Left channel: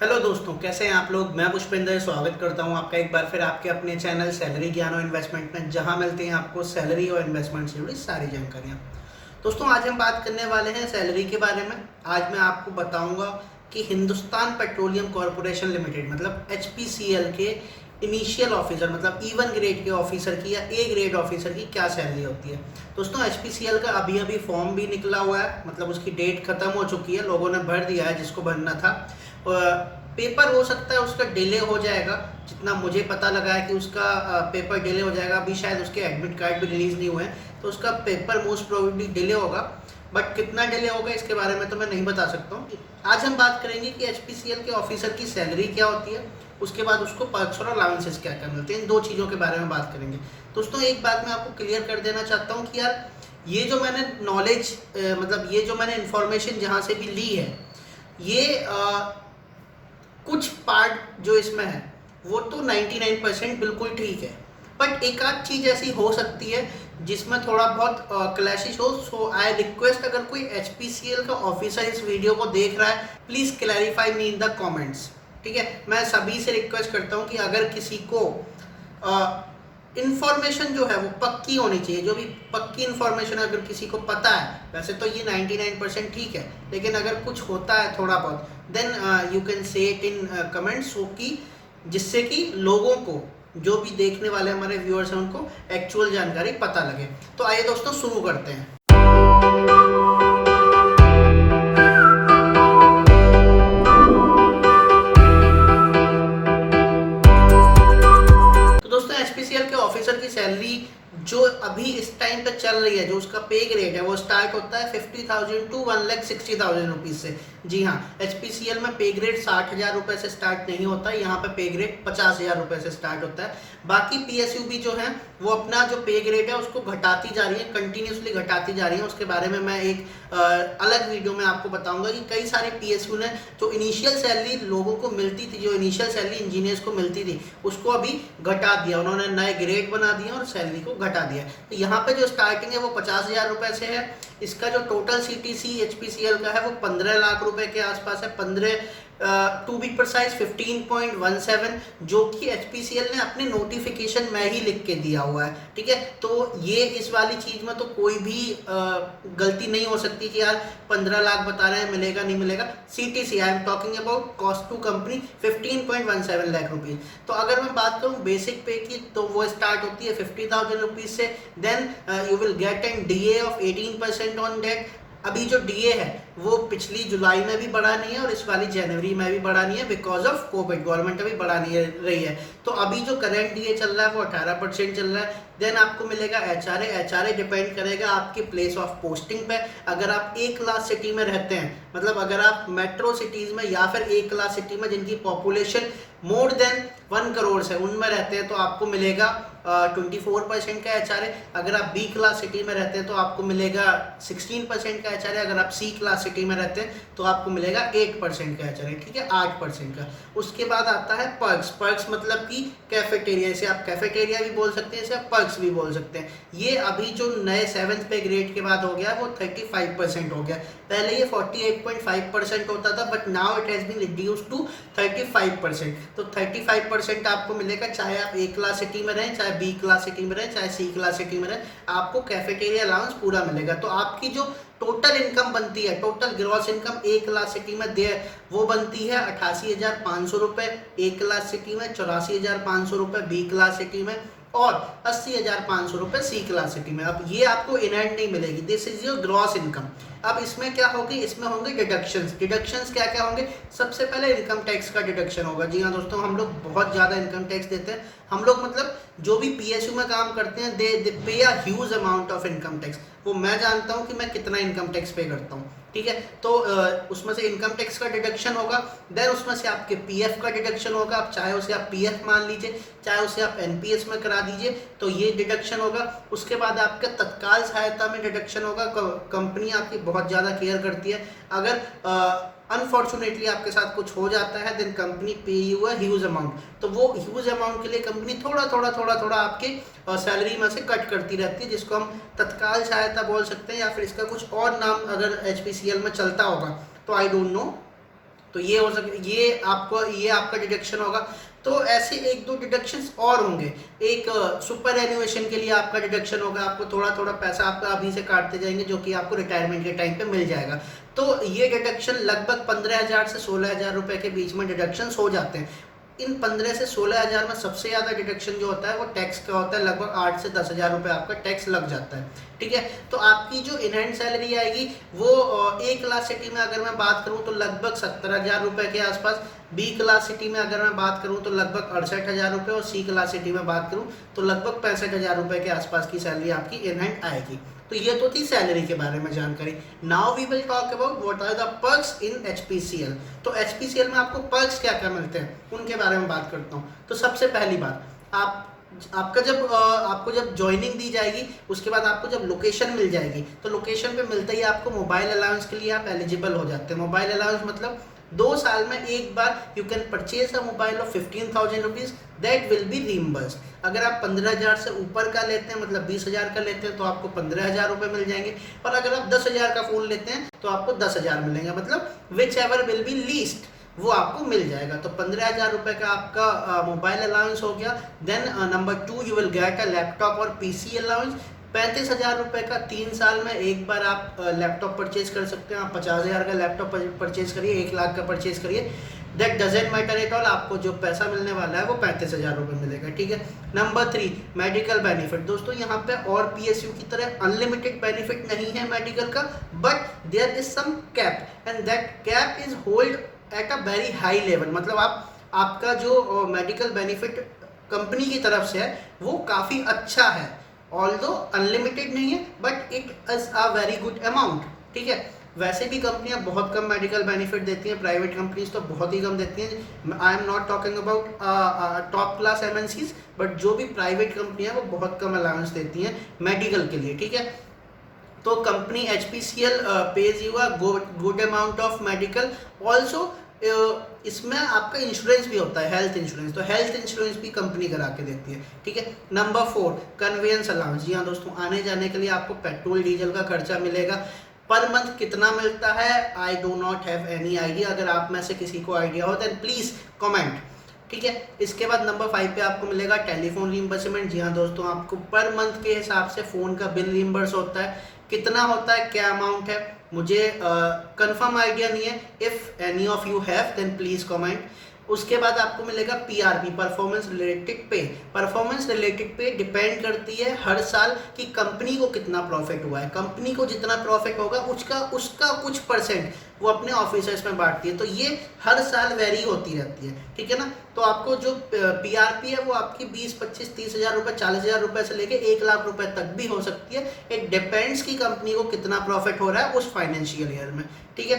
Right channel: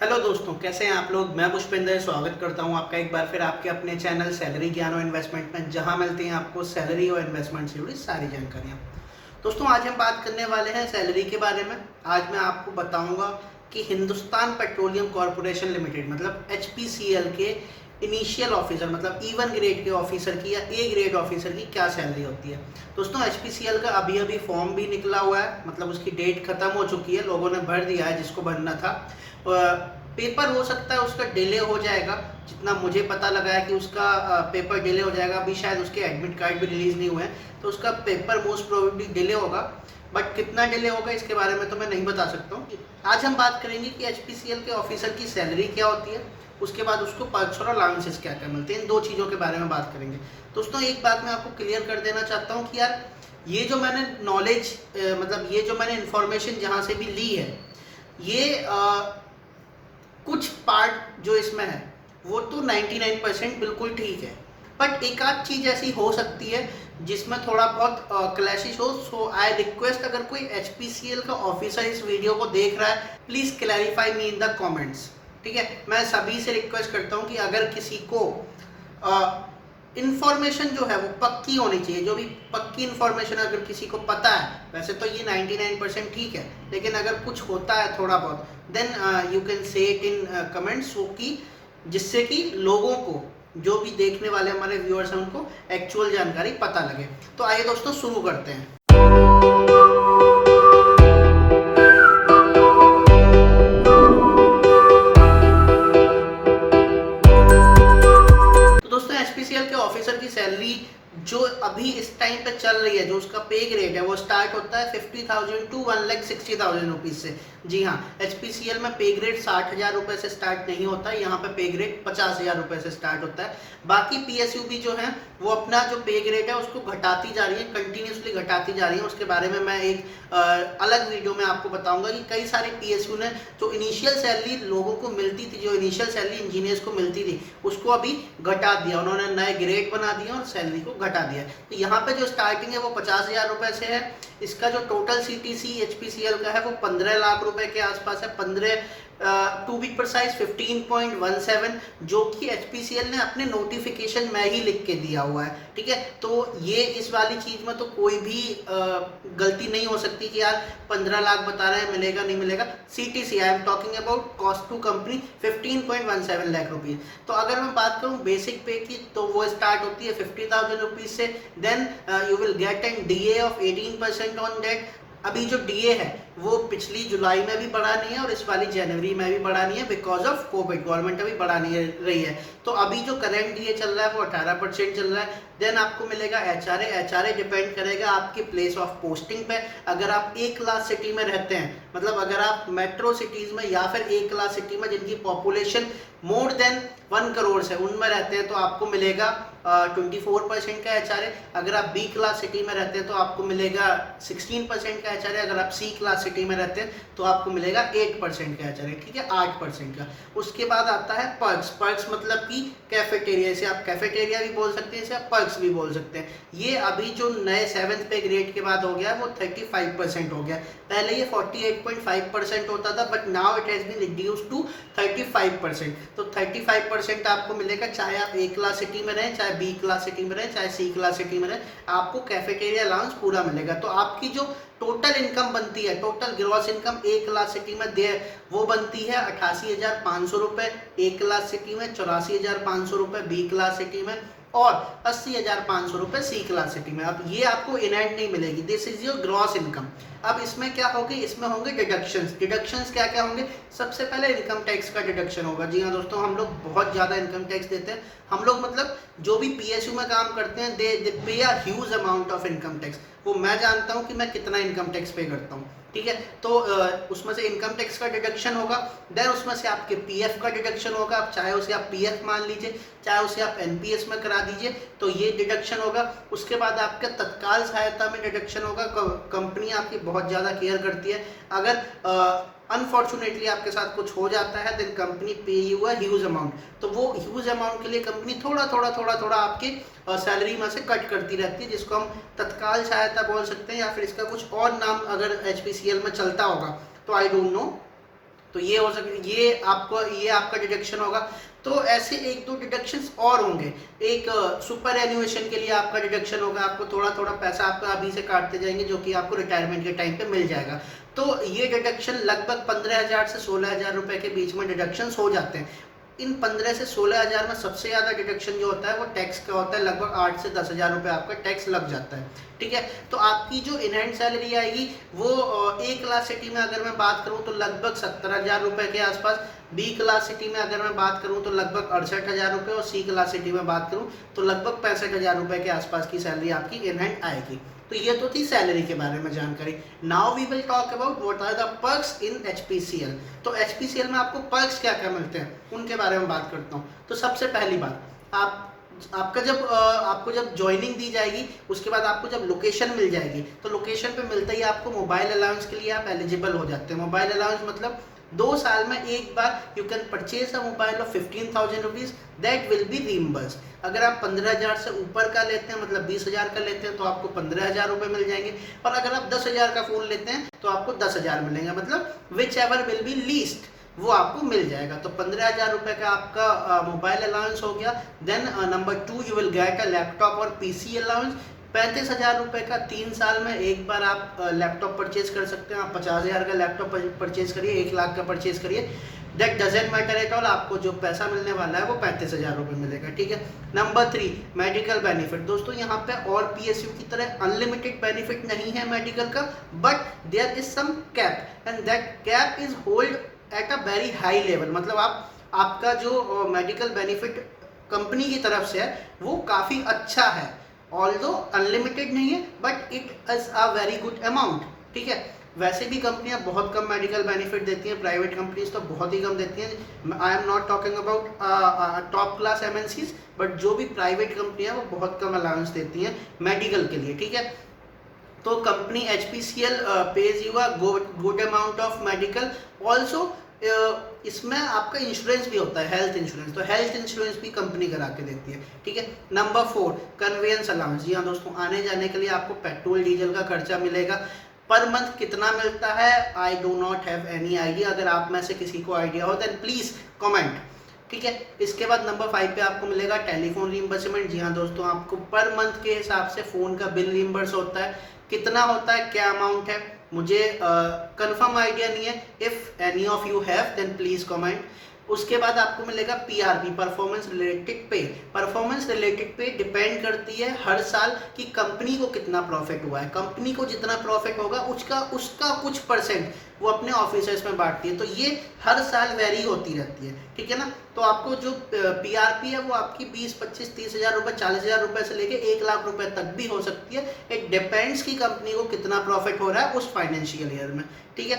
Hello दोस्तों, कैसे हैं आप लोग। मैं पुष्पेंद्र स्वागत करता हूं आपका एक बार फिर आपके अपने चैनल सैलरी ज्ञान और इन्वेस्टमेंट में, जहां मिलती हैं आपको सैलरी और इन्वेस्टमेंट से जुड़ी सारी जानकारियां। दोस्तों, आज हम बात करने वाले हैं सैलरी के बारे में। आज मैं आपको बताऊंगा कि हिंदुस्तान पेट्रोलियम कॉरपोरेशन लिमिटेड मतलब एचपीसीएल के इनिशियल ऑफिसर मतलब E1 ग्रेड के ऑफिसर की या ए ग्रेड ऑफिसर की क्या सैलरी होती है। दोस्तों, एचपीसीएल का अभी अभी फॉर्म भी निकला हुआ है, मतलब उसकी डेट खत्म हो चुकी है, लोगों ने भर दिया है जिसको भरना था। पेपर हो सकता है उसका डिले हो जाएगा, जितना मुझे पता लगा है कि उसका पेपर डिले हो जाएगा। अभी शायद उसके एडमिट कार्ड भी रिलीज नहीं हुए हैं, तो उसका पेपर मोस्ट प्रोबेबली डिले होगा। बट कितना डिले होगा इसके बारे में तो मैं नहीं बता सकता हूँ। आज हम बात करेंगे कि एचपीसीएल के ऑफिसर की सैलरी क्या होती है, उसके बाद उसको पर्क्स और अलाउंसेस क्या क्या मिलते हैं। इन दो चीज़ों के बारे में बात करेंगे। दोस्तों, एक बात मैं आपको क्लियर कर देना चाहता हूँ कि यार ये जो मैंने नॉलेज मतलब ये जो मैंने इन्फॉर्मेशन जहाँ से भी ली है, ये कुछ पार्ट जो इसमें है वो तो 99% बिल्कुल ठीक है, बट एक आध चीज़ ऐसी हो सकती है जिसमें थोड़ा बहुत क्लैशिश हो। सो आई रिक्वेस्ट, अगर कोई एचपीसीएल का ऑफिसर इस वीडियो को देख रहा है, please clarify me in the comments. ठीक है, मैं सभी से रिक्वेस्ट करता हूँ कि अगर किसी को इन्फॉर्मेशन जो है वो पक्की होनी चाहिए, जो भी पक्की इन्फॉर्मेशन अगर किसी को पता है, वैसे तो ये 99% ठीक है, लेकिन अगर कुछ होता है थोड़ा बहुत, then you can say it in comments, so कि जिससे कि लोगों को, जो भी देखने वाले हमारे व्यूअर्स हैं, उनको एक्चुअल जानकारी पता लगे। तो आइए दोस्तों, शुरू करते हैं। तो दोस्तों, एचपीसीएल के ऑफिसर की सैलरी जो अभी इस टाइम पे चल रही है, जो उसका पे ग्रेड है, वो स्टार्ट होता है 50,000 टू 1,60,000 रुपीज से। जी हाँ, एचपीसीएल में पे ग्रेड 60,000 रुपए से स्टार्ट नहीं होता, यहाँ पे पे ग्रेड 50,000 रुपए से स्टार्ट होता है। बाकी पीएसयू भी जो है वो अपना जो पे ग्रेड है उसको घटाती जा रही है, कंटिन्यूसली घटाती जा रही है। उसके बारे में मैं एक अलग वीडियो में आपको बताऊंगा कि कई सारे पीएसयू ने जो इनिशियल सैलरी लोगों को मिलती थी, जो इनिशियल सैलरी इंजीनियर्स को मिलती थी, उसको अभी घटा दिया, उन्होंने नए ग्रेड बना दिए और सैलरी को घटा दिया। तो यहाँ पे जो स्टार्टिंग है वो 50,000 रुपए से है। इसका जो टोटल सीटीसी एचपीसीएल का है वो 15 लाख रुपए के आसपास है, 15 टू बी प्रिसाइज 15.17, जो कि एचपीसीएल ने अपने नोटिफिकेशन में ही लिख के दिया हुआ है। ठीक है, तो ये इस वाली चीज में तो कोई भी गलती नहीं हो सकती कि यार 15 लाख बता रहे हैं, मिलेगा नहीं मिलेगा। CTC, I am talking about cost to company, 15.17 lakh rupees. तो अगर मैं बात करूं बेसिक पे की, तो वो स्टार्ट होती है 50,000 रुपीज से। Then you will get an DA of 18% on that. अभी जो डीए है वो पिछली जुलाई में भी बढ़ा नहीं है और इस वाली जनवरी में भी बढ़ा नहीं है, बिकॉज ऑफ कोविड। गवर्नमेंट अभी बढ़ा नहीं रही है, तो अभी जो करंट डीए चल रहा है वो 18% चल रहा है। देन आपको मिलेगा एचआरए डिपेंड करेगा आपकी प्लेस ऑफ पोस्टिंग पे। अगर आप ए क्लास सिटी में रहते हैं, मतलब अगर आप मेट्रो सिटीज में या फिर ए क्लास सिटी में जिनकी पॉपुलेशन मोर देन 1 करोड़ से उनमें रहते हैं, तो आपको मिलेगा 24% का एचआरए। अगर आप बी क्लास सिटी में रहते हैं तो आपको मिलेगा 16% का एचआरए। अगर आप सी क्लास सिटी में रहते हैं तो आपको मिलेगा 8% का एचआरए। ठीक है, 8% का। उसके बाद आता है पर्क्स। पर्क्स मतलब कि कैफेटेरिया, इसे आप कैफेटेरिया भी बोल सकते हैं, इसे आप पर्क्स भी बोल सकते हैं। ये अभी जो नए 7th पे ग्रेड के बाद हो गया वो 35% हो गया। पहले ये 48.5% होता था, but now it has been reduced to 35%। तो 35% आपको मिलेगा, चाहे आप ए क्लास सिटी में रहें, चाहे बी क्लास सिटी में रहें, चाहे सी क्लास सिटी में रहें, आपको कैफेटेरिया अलाउंस पूरा मिलेगा। तो आपकी जो टोटल इनकम बनती है, टोटल ग्रॉस इनकम ए क्लास सिटी में दे वो बनती है 88,500 रुपए ए क्लास सिटी में, 84,500 रुपए बी क्लास सिटी में और 80,500 रुपए सी क्लास सिटी में। अब ये आपको इन हैंड नहीं मिलेगी, this is your gross income. अब इसमें क्या होगी, इसमें होंगे डिडक्शंस। डिडक्शंस क्या क्या होंगे, सबसे पहले इनकम टैक्स का डिडक्शन होगा। जी हाँ दोस्तों, हम लोग बहुत ज़्यादा इनकम टैक्स देते हैं। हम लोग मतलब जो भी पीएसयू में काम करते हैं, दे पे a huge amount of income tax. वो मैं जानता हूँ कि मैं कितना इनकम टैक्स पे करता हूँ। ठीक है, तो उसमें से इनकम टैक्स का डिडक्शन होगा। देन उसमें से आपके पीएफ का डिडक्शन होगा। आप चाहे उसे आप पीएफ मान लीजिए, चाहे उसे आप एनपीएस में करा दीजिए, तो ये डिडक्शन होगा। उसके बाद आपका तत्काल सहायता में डिडक्शन होगा। कंपनी आपकी बहुत ज़्यादा केयर करती है। अगर अनफॉर्चुनेटली आपके साथ कुछ हो जाता है, देन कंपनी पे यू अ ह्यूज अमाउंट। तो वो ह्यूज अमाउंट के लिए कंपनी थोड़ा थोड़ा आपके सैलरी में से कट करती रहती है, जिसको हम तत्काल सहायता बोल सकते हैं, या फिर इसका कुछ और नाम अगर एचपीसीएल में चलता होगा तो आई डोंट नो। तो तो ये हो सके, ये आपका डिडक्शन होगा। तो ऐसे एक दो डिडक्शंस और होंगे। एक सुपर एन्युएशन के लिए आपका डिडक्शन होगा, आपको थोड़ा थोड़ा पैसा आपका अभी से काटते जाएंगे जो कि आपको रिटायरमेंट के टाइम पे मिल जाएगा। तो ये डिडक्शन लगभग 15,000 से 16,000 रुपए के बीच में डिडक्शंस हो जाते हैं। इन 15 से 16,000 में सबसे ज़्यादा डिडक्शन जो होता है वो टैक्स का होता है, लगभग 8 से 10,000 रुपये आपका टैक्स लग जाता है। ठीक है, तो आपकी जो इन हैंड सैलरी आएगी वो ए क्लास सिटी में अगर मैं बात करूं तो लगभग 70,000 रुपये के आसपास, बी क्लास सिटी में अगर मैं बात करूं तो लगभग 68,000 रुपये, और सी क्लास सिटी में बात करूं तो लगभग 65,000 रुपये के आसपास की सैलरी आपकी इन हैंड आएगी। तो ये तो थी सैलरी के बारे में जानकारी। Now we will talk about what are the perks in HPCL. तो एचपीसीएल में आपको पर्क्स क्या क्या मिलते हैं उनके बारे में बात करता हूँ। तो सबसे पहली बात, आपको जब ज्वाइनिंग दी जाएगी उसके बाद आपको जब लोकेशन मिल जाएगी तो लोकेशन पे मिलते ही आपको मोबाइल अलाउंस के लिए आप एलिजिबल हो जाते हैं। मोबाइल अलाउंस मतलब 2 साल में एक बार you can purchase a mobile of 15,000 rupees, that will be reimbursed. अगर आप 15,000 से ऊपर का लेते हैं, मतलब 20,000 का लेते हैं, तो आपको 15,000 रुपये मिल जाएंगे। और अगर आप 10,000 का फोन लेते हैं तो आपको 10,000 मिलेंगे, मतलब which ever will be least वो आपको मिल जाएगा। तो 15,000 रुपये का आपका मोबाइल अलाउंस हो गया। Then number 2 you will get a laptop और पीसी अलाउंस। 35,000 रुपये का 3 साल में एक बार आप लैपटॉप परचेज कर सकते हैं। आप 50,000 का लैपटॉप परचेज करिए, 1 लाख का परचेज करिए, that doesn't matter at all, आपको जो पैसा मिलने वाला है वो 35,000 रुपये मिलेगा। ठीक है। Number 3 medical benefit. दोस्तों यहाँ पे और पीएसयू की तरह अनलिमिटेड बेनिफिट नहीं है मेडिकल का, but there is some cap and that cap is hold at a very high level. मतलब आपका जो मेडिकल बेनिफिट कंपनी की तरफ से है वो काफ़ी अच्छा है, ऑल्दो अनलिमिटेड नहीं है, but it is a very good amount. ठीक है, वैसे भी कंपनियां बहुत कम मेडिकल बेनिफिट देती हैं, प्राइवेट कंपनीज तो बहुत ही कम देती हैं। I am not talking about top class MNCs, but जो भी प्राइवेट कंपनियां वो बहुत कम अलाउंस देती हैं मेडिकल के लिए। ठीक है, तो company HPCL page you a good amount of medical. Also इसमें आपका इंश्योरेंस भी होता है, हेल्थ इंश्योरेंस, तो हेल्थ इंश्योरेंस भी कंपनी करा के देती है। ठीक है। Number 4 convince allowance. जी हाँ दोस्तों, आने जाने के लिए आपको पेट्रोल डीजल का खर्चा मिलेगा। पर मंथ कितना मिलता है I do not have any idea. अगर आप में से किसी को आइडिया हो देन प्लीज कमेंट। ठीक है। इसके बाद नंबर 5 पे आपको मिलेगा टेलीफोन रीइंबर्समेंट। जी हाँ दोस्तों, आपको पर मंथ के हिसाब से फ़ोन का बिल रीइंबर्स होता है। कितना होता है, क्या अमाउंट है, मुझे कंफर्म आइडिया नहीं है। If any of you have then please comment. उसके बाद आपको मिलेगा PRP, performance related pay. Performance related pay depend करती है हर साल कि कंपनी को कितना प्रॉफिट हुआ है। कंपनी को जितना प्रॉफिट होगा उसका कुछ परसेंट वो अपने ऑफिसर्स में बांटती है, तो ये हर साल वेरी होती रहती है। ठीक है ना। तो आपको जो पीआरपी है वो आपकी 20, 25, 30,000 रुपये, 40,000 रुपये से लेके 1 लाख रुपए तक भी हो सकती है। इट डिपेंड्स कि कंपनी को कितना प्रॉफिट हो रहा है उस फाइनेंशियल ईयर में। ठीक है।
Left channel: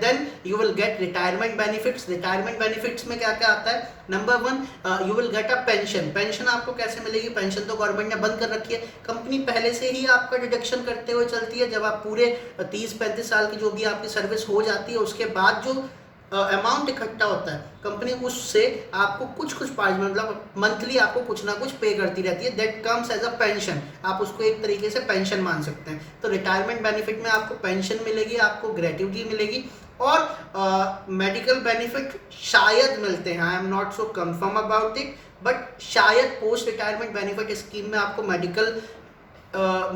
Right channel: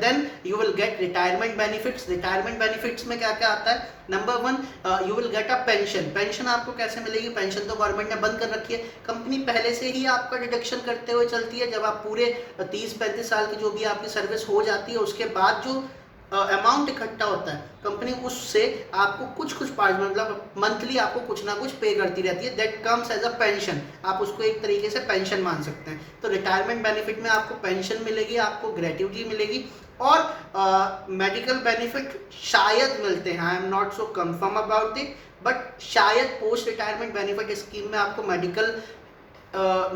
Then you will get retirement benefits. Retirement benefits में क्या क्या आता है। Number 1 you will get a pension. Pension आपको कैसे मिलेगी, पेंशन तो गवर्नमेंट ने बंद कर रखी है, कंपनी पहले से ही आपका डिडक्शन करते हुए चलती है। जब आप पूरे 30-35 साल की जो भी आपकी सर्विस हो जाती है उसके बाद जो अमाउंट इकट्ठा होता है कंपनी उससे आपको कुछ पार्ट, मतलब मंथली आपको कुछ ना कुछ पे करती रहती है। That comes as a pension. आप उसको एक तरीके से पेंशन मान सकते हैं। तो रिटायरमेंट बेनिफिट में आपको पेंशन मिलेगी, आपको ग्रेट्युटी मिलेगी, और मेडिकल बेनिफिट शायद मिलते हैं। I am not so confirm about it, but शायद पोस्ट रिटायरमेंट बेनिफिट स्कीम में आपको मेडिकल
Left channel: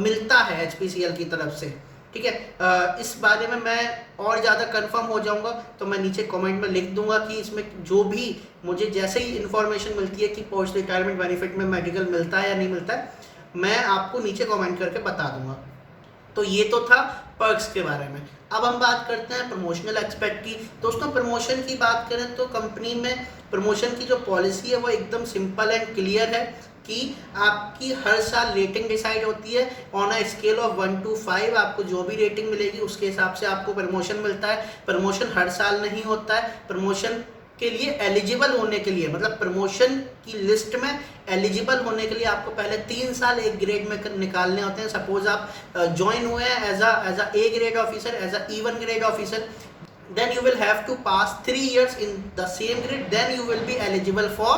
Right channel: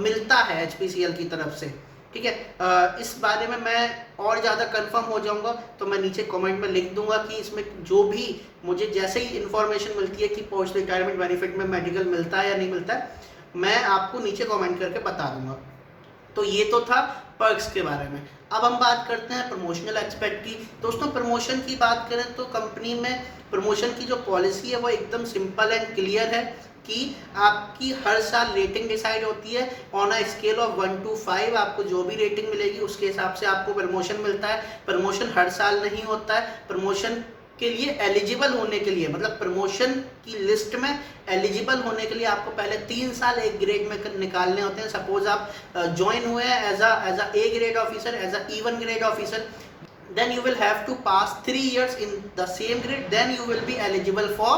मिलता है एचपीसीएल की तरफ से। ठीक है। इस बारे में मैं और ज़्यादा कंफर्म हो जाऊंगा तो मैं नीचे कमेंट में लिख दूंगा कि इसमें जो भी मुझे जैसे ही इन्फॉर्मेशन मिलती है कि पोस्ट रिटायरमेंट बेनिफिट में मेडिकल मिलता है या नहीं मिलता है, मैं आपको नीचे कमेंट करके बता दूंगा। तो ये तो था पर्क्स के बारे में। अब हम बात करते हैं प्रमोशनल एक्सपेक्ट की। दोस्तों प्रमोशन की बात करें तो कंपनी में प्रमोशन की जो पॉलिसी है वो एकदम सिंपल एंड क्लियर है कि आपकी हर साल रेटिंग डिसाइड होती है on a scale of 1 to 5। आपको जो भी रेटिंग मिलेगी उसके हिसाब से आपको प्रमोशन मिलता है। प्रमोशन हर साल नहीं होता है। प्रमोशन के लिए एलिजिबल होने के लिए, मतलब प्रमोशन की लिस्ट में एलिजिबल होने के लिए आपको पहले 3 साल एक ग्रेड में निकालने होते हैं। सपोज आप ज्वाइन हुए हैं as a A grade officer, as a E1 grade officer, then you will have to pass 3 years in the same grade, then you will be eligible for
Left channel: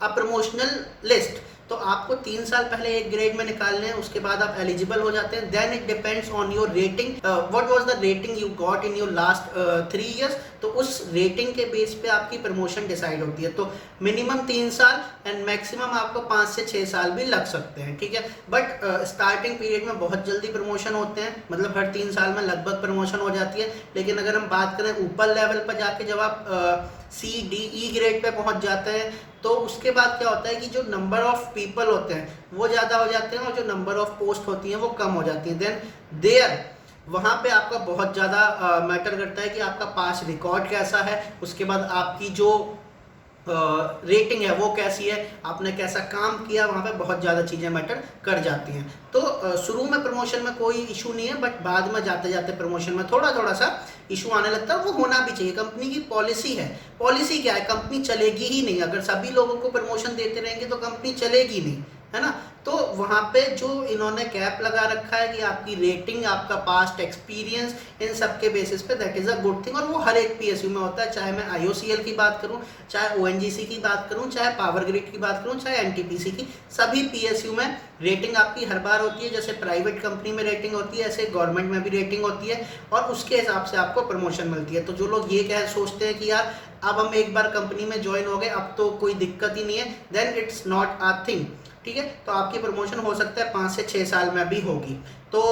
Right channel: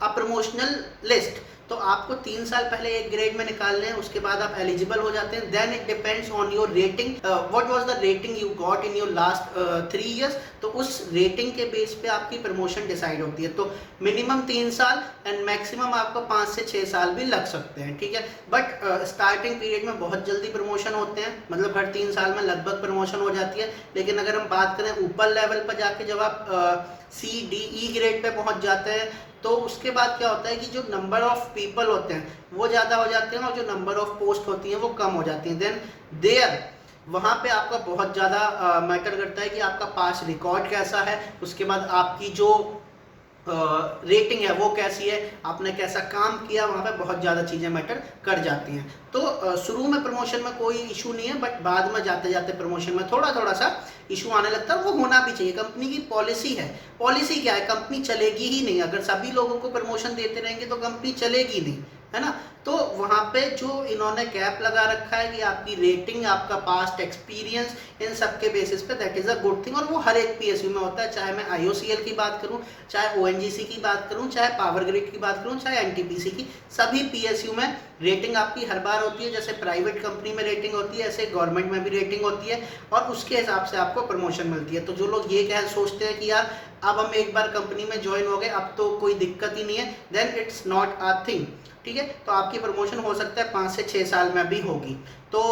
a promotional list। तो आपको 3 साल पहले एक grade में निकालने हैं, उसके बाद आप एलिजिबल हो जाते हैं। Then it depends on your rating, what was the rating you got in your last 3 years. तो उस रेटिंग के बेस पे आपकी प्रमोशन डिसाइड होती है। तो मिनिमम 3 साल एंड मैक्सिमम आपको 5 से 6 साल भी लग सकते हैं, ठीक है। बट स्टार्टिंग पीरियड में बहुत जल्दी प्रमोशन होते हैं, मतलब हर 3 साल में लगभग प्रमोशन हो जाती है। लेकिन अगर हम बात करें ऊपर लेवल पर जाके, जब आप CDE ग्रेड पे पहुंच जाते हैं, तो उसके बाद क्या होता है कि जो नंबर ऑफ पीपल होते हैं वो ज़्यादा हो जाते हैं और जो नंबर ऑफ पोस्ट होती हैं वो कम हो जाती हैं। देन देयर वहाँ पे आपका बहुत ज़्यादा मैटर करता है कि आपका पास रिकॉर्ड कैसा है, उसके बाद आपकी जो रेटिंग है वो कैसी है, आपने कैसा काम किया, वहाँ पे बहुत ज़्यादा चीज़ें मैटर कर जाती हैं। तो शुरू में प्रमोशन में कोई इशू नहीं है, बट बाद में जाते जाते प्रमोशन में थोड़ा थोड़ा सा इशू आने लगता है। वो होना भी चाहिए, कंपनी की पॉलिसी है। पॉलिसी क्या है, कंपनी चलेगी ही नहीं अगर सभी लोगों को प्रमोशन देते रहेंगे, तो कंपनी चलेगी नहीं, है ना। तो वहाँ पे जो इन्होंने कैप लगा रखा है कि आपकी रेटिंग, आपका पास्ट एक्सपीरियंस, इन सब के बेसिस पे that is a good thing. और वो हर एक PSU में होता है, चाहे मैं IOCL की बात करूँ, चाहे ONGC की बात करूँ, चाहे पावर ग्रिड की बात करूँ, चाहे NTPC की, सभी PSU में रेटिंग आपकी हर बार होती है। जैसे प्राइवेट कंपनी में रेटिंग होती है, ऐसे गवर्नमेंट में भी रेटिंग होती है, और उसके हिसाब से आपको प्रमोशन मिलती है। तो जो लोग ये कह सोचते हैं कि यार अब हम एक बार कंपनी में ज्वाइन हो गए, अब तो कोई दिक्कत ही नहीं है, then it's not a thing, ठीक है। तो आपकी प्रमोशन हो सकता है 5 से 6 साल में भी होगी। तो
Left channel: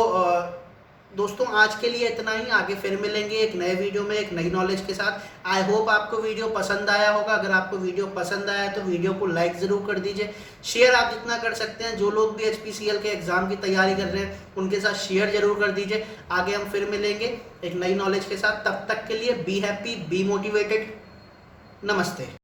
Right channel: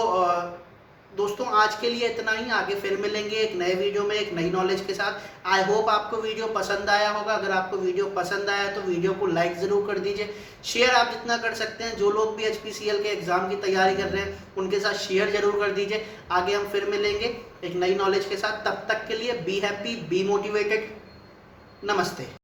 दोस्तों आज के लिए इतना ही, आगे फिर मिलेंगे एक नए वीडियो में एक नई नॉलेज के साथ। आई होप आपको वीडियो पसंद आया होगा। अगर आपको वीडियो पसंद आया तो वीडियो को लाइक ज़रूर कर दीजिए, शेयर आप जितना कर सकते हैं। जो लोग भी HPCL के एग्ज़ाम की तैयारी कर रहे हैं उनके साथ शेयर जरूर कर दीजिए। आगे हम फिर मिलेंगे एक नई नॉलेज के साथ, तब तक के लिए बी हैप्पी, बी मोटिवेटेड, नमस्ते।